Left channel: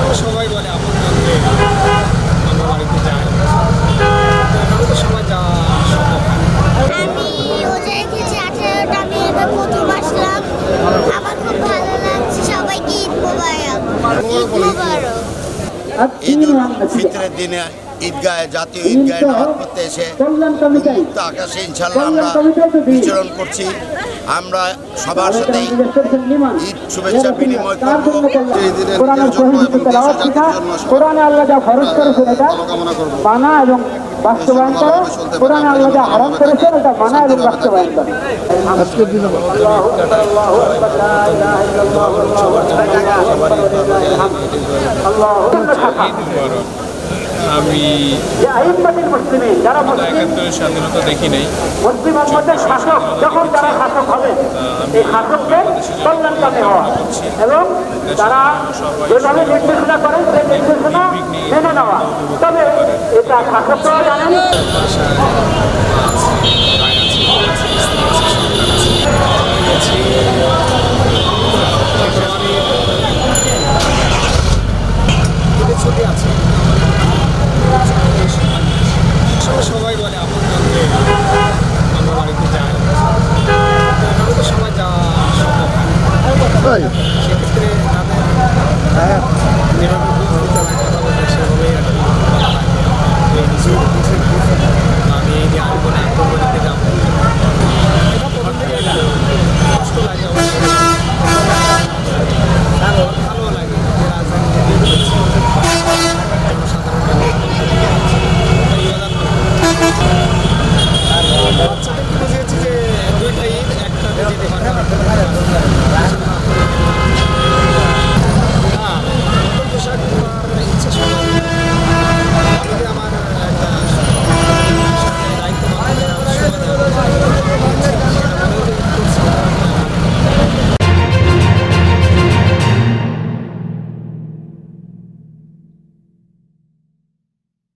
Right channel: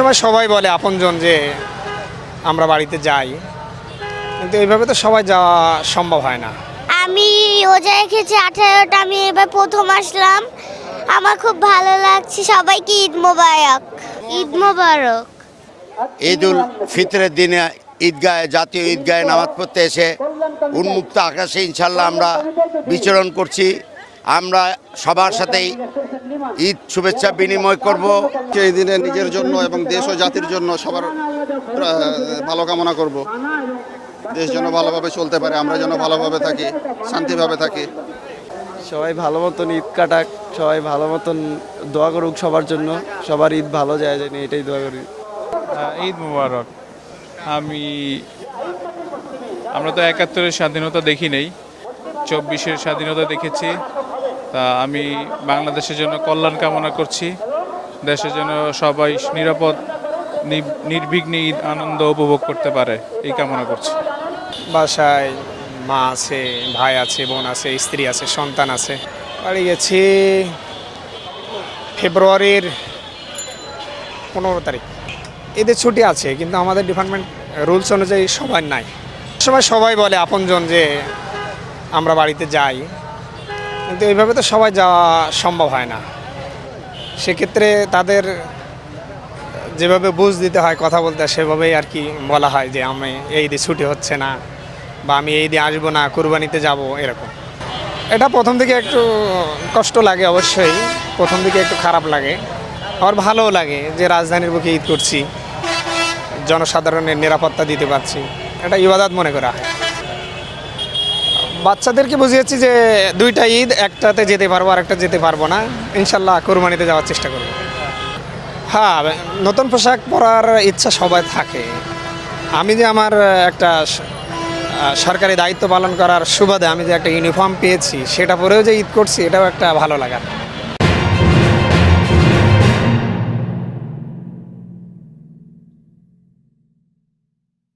সময় সবাই বলে আপনজন যে আমরা বাড়িতে যাই, কিন্তু এইভাবে তো সবাই যাওয়া সম্ভব হয় না। আমি রোজা রেখেছি 18টা, আমি এবার প্রথম আসলাম। আমার খুব ভালো লাগছে। সবাইকে ঈদ মোবারক। ঈদ মোবারক। ঈদুল ফিতরের দিনে ঈদগাহে, জাতীয় ঈদগাহে নামাজ পড়তে এসে উন্মুক্ত আকাশে ইনশাল্লাহ আমরা বিচরণ করছি। আমরা সবার সাথেই ঈদ শুভেচ্ছা বিনিময় করব। এই দিনে নিজের জন্য এবং দেশ ও জাতির জন্য ভালো কামনা করবো। ভালোভাবে চলতে পারে, আমরা যেন ভালোভাবে থাকি, শান্তিভাবে থাকি। আজকের দিনে ঈদ কাটায় সবাই ভালো মতন সবার জন্য সবার ঈদ ভালো যায়। ঈদ মুবারক। আমি তো 71-এর স্বাধীনতা দেখি নাই, 24-এর স্বাধীনতা দেখেছি। আমি বাংলাদেশের জন্য কল্যাণ কামনা করছি, দেশের জন্য সবাই নিরাপদ নির্বিঘ্নে আনন্দ উপভোগ করতে পারে এই কামনা করছি। বাসায় মা আছে, ভাই আছে, বোন আছে, স্ত্রী আছে, সন্তান আছে। গিয়েছি ফেব্রুয়ারির 15 তারিখ। ঈদের ছুটি আছে, কিন্তু আমাদের ডিপার্টমেন্ট রুলস অনুযায়ী সবাই নাই। সময় সবাই বলে আপনজন যে আমরা বাড়িতে যাই, কিন্তু এইভাবে তো সবাই যাওয়া সম্ভব হয় না। সেক্ষেত্রে তাদের যেভাবে বুঝ দিতে হয়, কথা বলতে হয়, সেভাবেই আর কি বলা হয় যে আমি এই দিয়ে ছুটি হচ্ছে না, বা আমি এই দিয়ে আসবো না, কুরবানিতে যাবো, এরকম। এটা প্রথম দিকে একটু কষ্ট লাগে, অবশ্যই প্রথম দিকে একটু খারাপ লাগে, আর ভালোও লাগে যে রাজধানীর বুকে ঈদ করছি, জনসাধারণের নিরাপত্তা দিতে পারছি, এটা ইবাদত মনে করা। বাচ্চাদেরকে বুঝিয়েছি যে দুইটা ঈদ, একটাতে যেতে পারবো আর একটা যেতে পারবো না, ইনশাল্লাহ কোরবানিতে যাওয়ার চেষ্টা করি। হ্যাঁ, নতুন পোশাক পরার ইচ্ছা সবার থাকে। আমি যে আমার একটা সরকারি দায়িত্ব পালন করার সুবাদে আমি যে একটা ইউনিফর্ম পেয়েছি, সেটা পরেও যে ঈদ করছি, এটাও একটা ভালো লাগা।